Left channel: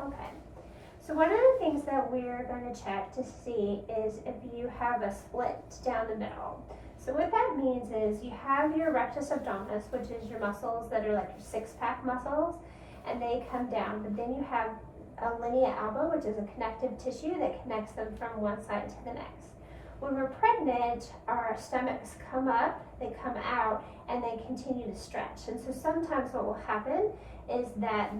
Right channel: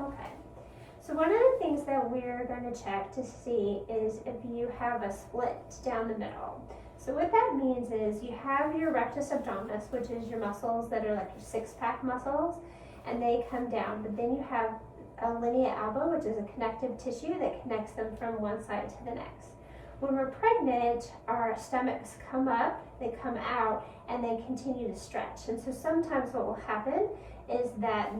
Okay. So one of the things that we're going to check to see is if you have a split down the middle. So what that means is you have your rectus abdominis, which is your muscles that are like your six-pack muscles, and they come down, but then you have a linea alba, which is a connective tissue that connects them from one side to the next. When we're pregnant, our stomachs come up, they come out, and they continue to stretch. And so sometimes what will happen is that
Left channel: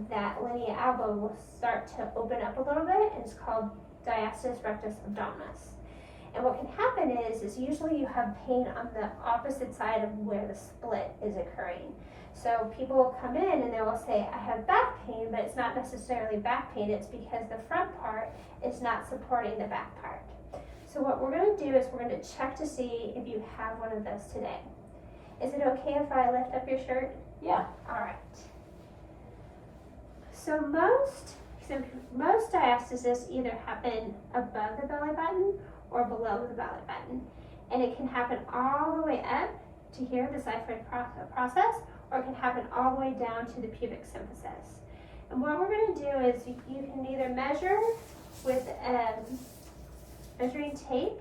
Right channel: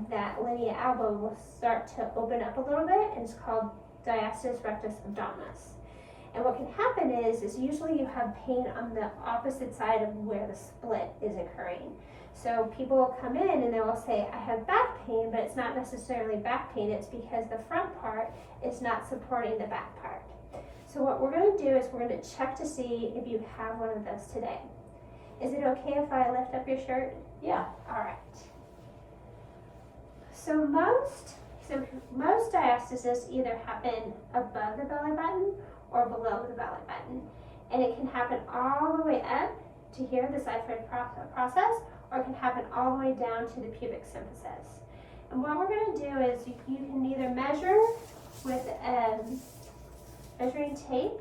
linea alba will start to open up a little bit, and it's called Diastasis Rectus Abdominis. And what can happen is usually you have pain on the opposite side of where the split is occurring. So people will come in and they will say, I have back pain, but it's not necessarily back pain, it's because the front part is not supporting the back part. So what we're going to do is we're going to check to see if you have one of those today. Is it okay if I lift up your shirt? Yeah. All right. So most diastasis either happen above the belly button or below the belly button. And it can happen all the way up to here, the xiphoid process, or it can happen all the way down to the pubic symphysis. And what we're going to do is you can either measure with measuring tape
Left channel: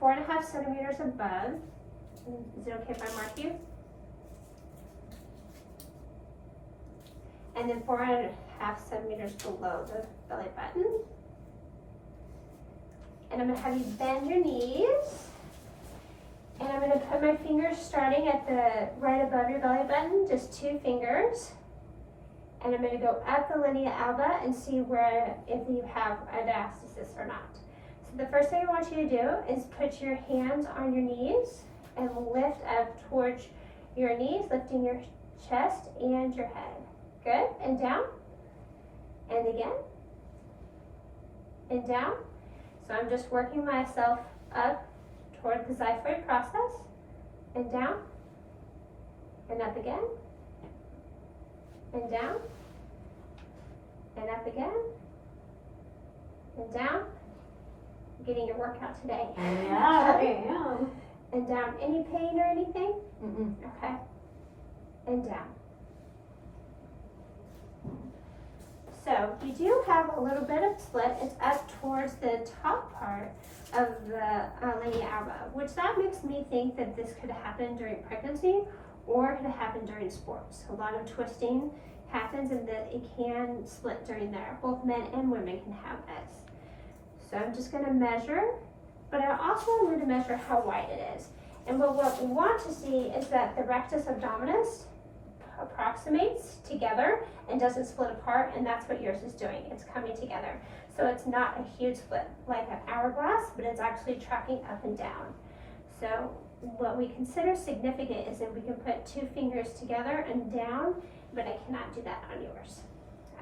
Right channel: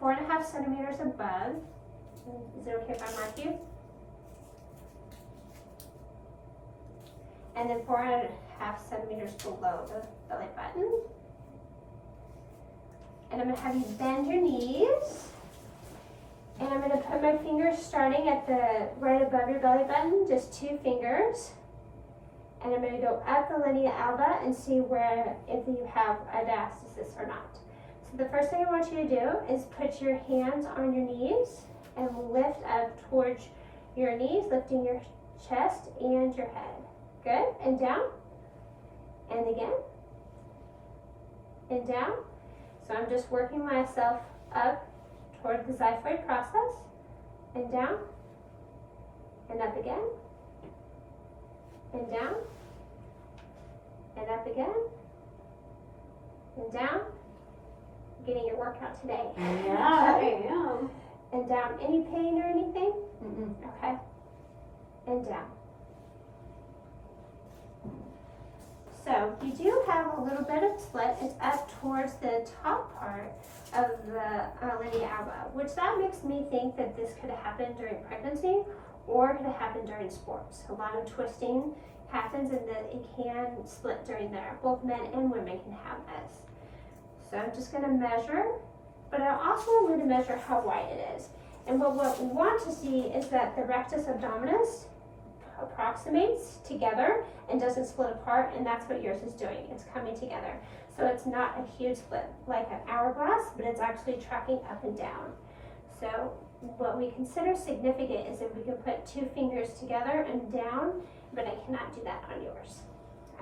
4.5 centimeters above. Is it okay if I mark you? And then 4.5 centimeters below the belly button. And I'm going to have you bend your knees. And I'm going to put my fingers starting at the right above your belly button, just 2 fingers. And I'm going to go up the linea alba and see if you have a diastasis or not. So the first thing I want you to do is put your hands on your knees and lift up towards your knees, lifting your chest and your head. Good. And down. And again. And down. So I'm just working myself up toward the xiphoid process, and down, and up again, and down, and up again, and down. Getting your workout today. Yeah, I am. And down. Any pain or anything? Mm-mm. Okay. And down. So you do have a little bit of split. It's up towards the top part of the linea alba, which that makes me think that this could happen during pregnancy or it could happen during sports. A lot of twisting happens and that it can split during there. Both men and women can have this. So I'm just going to measure, but I also am going to measure how wide it is. And what we want to see is that the rectus abdominis approximates together and doesn't split apart, and that's what yours is doing. It's coming together. So it's not a huge split like an hourglass, but it's actually tracking up and down. So what we consider significant is if we can put 2 fingers together and down, but I cannot do that on yours.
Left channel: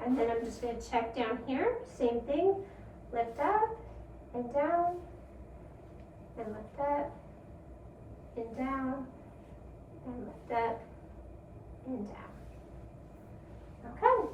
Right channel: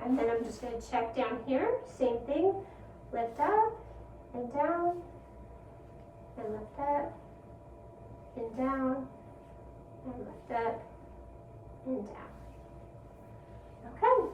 And then I'm just going to check down here, same thing, lift up and down, and lift up and down, and lift up and down. Okay.